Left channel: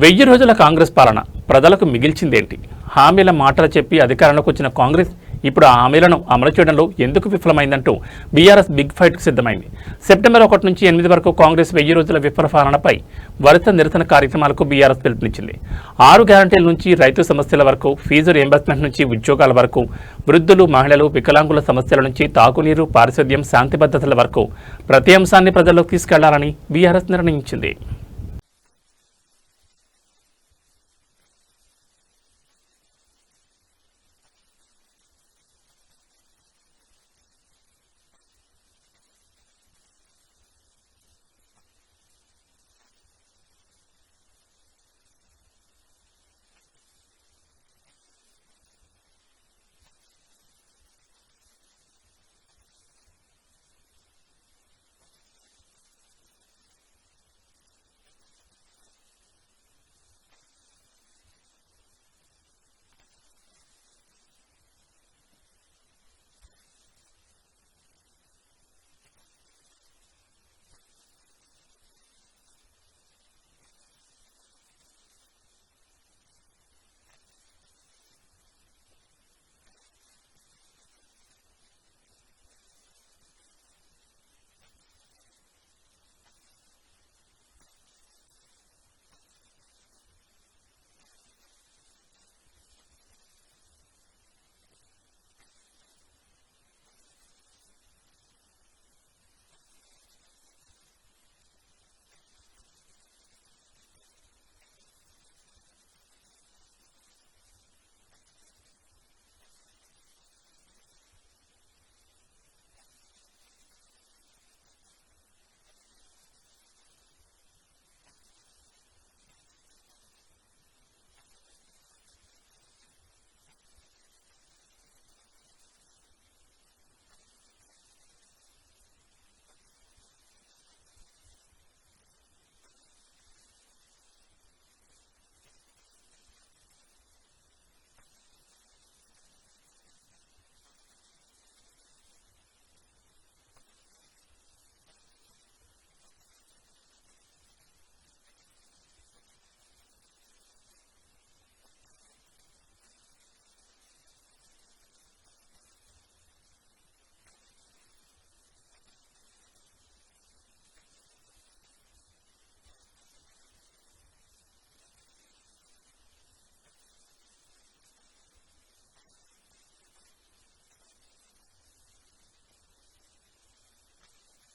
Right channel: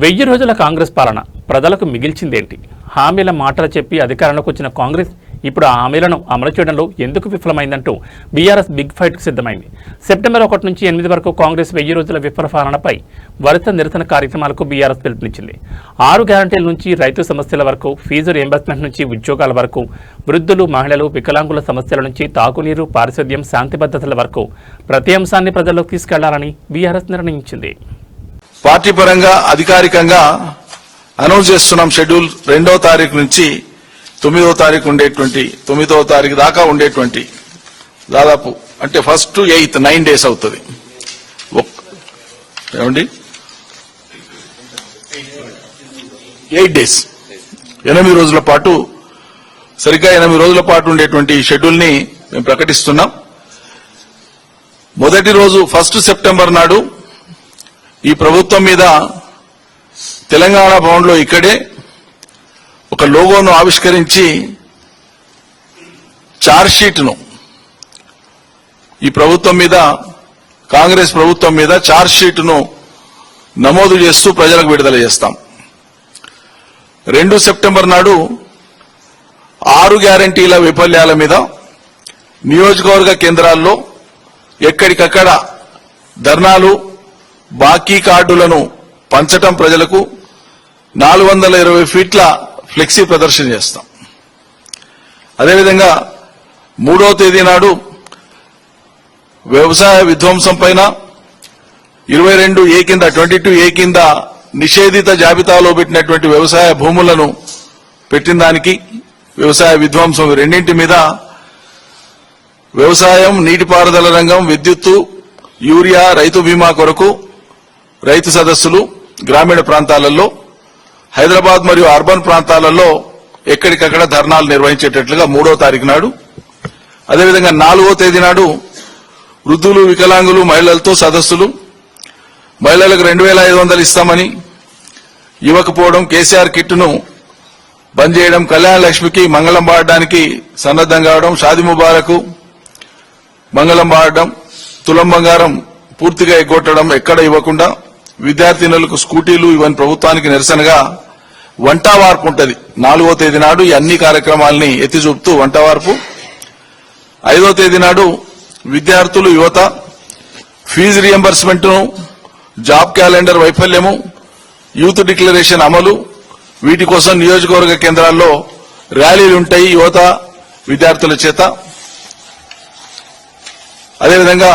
1000 రోజుల కాంగ్రెస్ పాలన ప్రజలకు మిగిల్చిందేంటి? హామీల మాటలు చెప్పి అధికారంలోకి వచ్చిన కాంగ్రెస్ ఇప్పుడు ఆ హామీలను అమలు చేయడంలో ఎందుకు విఫలమైందంటూ బీఆర్ఎస్ బిగ్ ఫైట్కు సిద్ధమైంది. సెప్టెంబర్ 1 నుంచి 8 వరకు కాంగ్రెస్ 1000 రోజుల విఫల పాలనపై వరుస నిరసన కార్యక్రమాలకు బీఆర్ఎస్ పిలుపునిచ్చింది. 6 గ్యారంటీల నుంచి రైతు సమస్యల వరకు, ఫీజు రియంబర్స్మెంట్ నుంచి ఉద్యోగాల వరకు, వృద్ధులు, మహిళలు, వికలాంగుల సమస్యల నుంచి తాగునీరు, పారిశుద్ధ్యం, శాంతి భద్రతల వరకు ప్రతి అంశాన్ని ప్రజల్లోకి తీసుకెళ్లాలని బీఆర్ఎస్ నిర్ణయించింది. పార్టీ పరంగా అధికారికంగా అనౌన్స్ చేస్తున్నాం. షెడ్యూల్ 2వ తారీఖు నుంచి 9వ తారీఖు ఉండేటువంటి 9వ తారీఖు దాకా ఉండేటువంటి దాదాపు అంటే 1st to 8th 9 days అవుతుంది. ఏమండి 8 days 8 రోజుల పాటు సరిగ్గా 8 రోజుల పాటు ఉండేటువంటి షెడ్యూల్ ని మేము ప్రకటిస్తున్నాం. మొదటి రోజు 1 సెప్టెంబర్ నాడు ఈ ప్రభుత్వం మీద తెలంగాణ భవన్లో ఇక్కడే ఒక లోగోను ఆవిష్కరించి ఛార్జ్షీట్ను ఈ ప్రభుత్వం మీద, కాంగ్రెస్ ప్రభుత్వం మీద ఛార్జ్షీట్ను నమోదు చేస్తూ ప్రజలకు విడుదల చేస్తాం. 2 సెప్టెంబర్ నాడు 6 గ్యారంటీల వైఫల్యాల మీద నియోజకవర్గ కేంద్రాల్లో ఎక్కడికక్కడ ధర్నాలు, బాకీ కార్డులను పంచటం, ప్రజలకు 420 ఫీట్ల ఫ్లెక్సీ ప్రదర్శన చేస్తాం. అదేవిధంగా 3వ తేదీ నాడు వ్యవసాయ విధ్వంసం పైన 22A కింద 22A కింద నిషేధిత జాబితాలో పెట్టినటువంటి వ్యవసాయ భూములను పెట్టిన దానికి, వ్యవసాయ విధ్వంసం రెండింటి మీద వ్యవసాయం, నీటిపారుదల రంగం, విద్యుత్తు, యూరియా, రైతు బీమా కొరకు రైతు సదస్సులు గ్రామీణ ప్రాంతాలలో, హైదరాబాద్ మరియు అర్బన్ ప్రాంతాలలో ఎక్కడికక్కడ ధర్నాలు నిర్వహించేటట్లుగా 3వ తారీఖు నాడు, అదేవిధంగా 4వ తేదీ నాడు వృద్ధులు, వికలాంగులు, మహిళలతో సదస్సులు, మహిళలకు 2500 ఇస్తామని ఇవ్వకపోవడం, కేసీఆర్ కిట్ను బంద్ చేయడం, కళ్యాణ లక్ష్మికి మంగళం పాడడానికి సన్నద్దం కావడం, షాదీ ముబారకు మంగళం పాడడం, తులం బంగారం పూర్తిగా ఎగ్గొట్టడం, ఎక్కడ ఇవ్వకుండా విద్యార్థినులకు స్కూటీలు ఇవన్నీ ప్రభుత్వానికి నిరసనగా వంటా వార్పు ఉంటుంది. 4వ తేదీ నాడు ఈ అన్ని కార్యక్రమాలని ఎత్తి చూపుతూ వంట వార్పు. 5వ తేదీ నాడు విద్యార్థులు, యువత, ఫీజు రియంబర్స్మెంట్ ను, జాబ్ క్యాలెండర్ వైఫల్యము, యూత్ డిక్లరేషన్ అమలు, వీటి కోసం నియోజకవర్గ కేంద్రాల్లో ర్యాలీలుంటాయి యువత, విద్యార్థుల చేత. అదేవిధంగా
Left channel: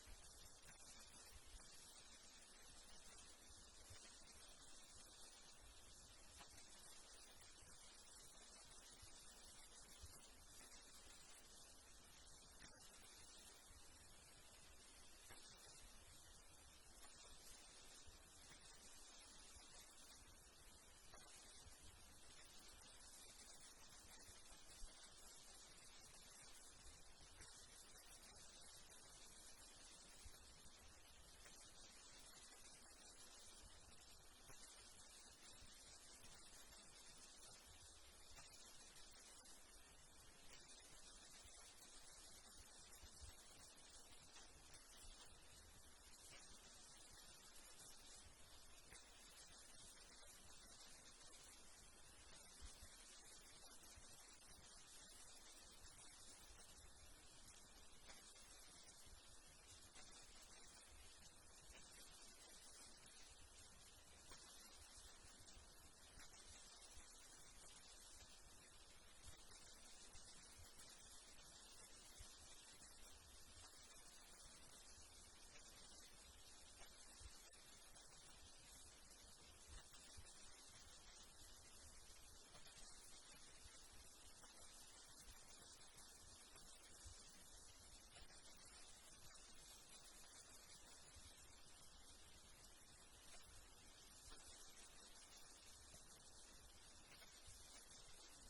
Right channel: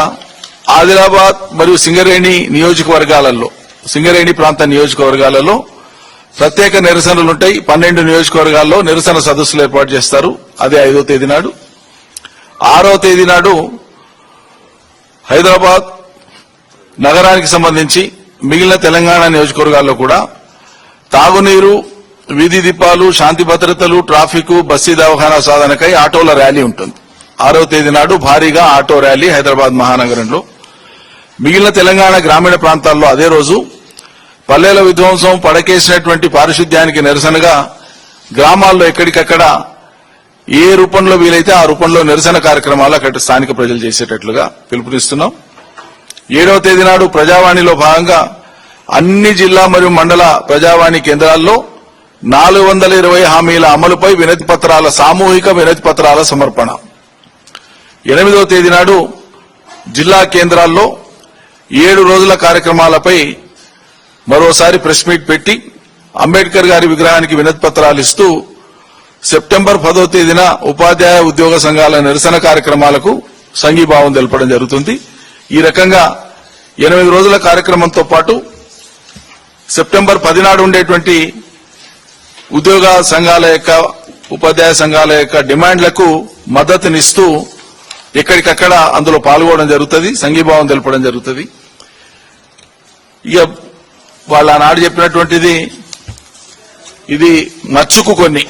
ఆదిలాబాద్ మరియు సింగరేణి నియోజకవర్గాలలో, సింగరేణి ప్రాంత నియోజకవర్గాలలో ప్రత్యేక నిరసనలుంటాయి. 12 నియోజకవర్గాల్లో నిరసన సదస్సులు ఏర్పాటు చేస్తారు. అదే 5వ తేదీ నాడు. 6వ తేదీ నాడు హైదరాబాద్ నగరానికి సంబంధించి మిగిలిన తెలంగాణ నియోజకవర్గాల్లో కూడా తాగునీరు, వీధి దీపాలు, శాంతి భద్రతలు, ట్రాఫిక్, బస్సీ దవాఖానా సాధనకై ఆటోల ర్యాలీ ఉంటుంది. 6వ తేదీ నాడు భారీగా ఆటో ర్యాలీ హైదరాబాద్ మహానగరంలో. మిగిలిన తెలంగాణ గ్రామీణ ప్రాంతాల్లో అదే రోజు పల్లెల విధ్వంసం, పడకేసినటువంటి పారిశుద్ధ్యానికి నిరసనగా గ్రామాల్లో ఎక్కడికక్కడ ఏ రూపంలో వీలైతే ఆ రూపంలో నిరసన కార్యక్రమాలు అక్కడ స్థానిక ప్రజలు చేసేటట్లుగా పిలుపునిస్తున్నాం. 7వ తేదీ నాడు ప్రజావాణిలో భాగంగా అన్ని జిల్లా మరియు మండల ప్రజావాణి కేంద్రాల్లో 420 హామీల అమలుపై వినతి పత్రాల, సామూహిక వినతి పత్రాల సమర్పణ. 8వ తేదీ నాడు జిల్లా కేంద్రాల్లో 7 రోజుల కార్యక్రమాలపై మరోసారి ప్రెస్ మీట్ పెట్టి అంబేద్కర్ గారి విగ్రహానికి వినతి పత్రాలు ఇస్తూ సెప్టెంబర్ 10వ తేదీన ఉపాధ్యాయ ఉద్యోగ సంఘాల నిరసన కార్యక్రమాలకు సంఘీభావం తెలపడం జరుగుతుంది. ఈ రకంగా 8 రోజుల కార్యక్రమంతో పాటు సెప్టెంబర్ 10 నాడు ఉండేటువంటి ఉద్యోగ సంఘాల యొక్క, ఉపాధ్యాయ సంఘాల యొక్క డిమాండ్లకు మద్దతునిస్తూ ఎక్కడికక్కడ అందులో పాల్గొనడం జరుగుతుంది, సంఘీభావం తెలపడం జరుగుతుంది. ఇక వాళ్ళ నాడు చెప్పినటువంటిది ఇది మచ్చుకు కొన్ని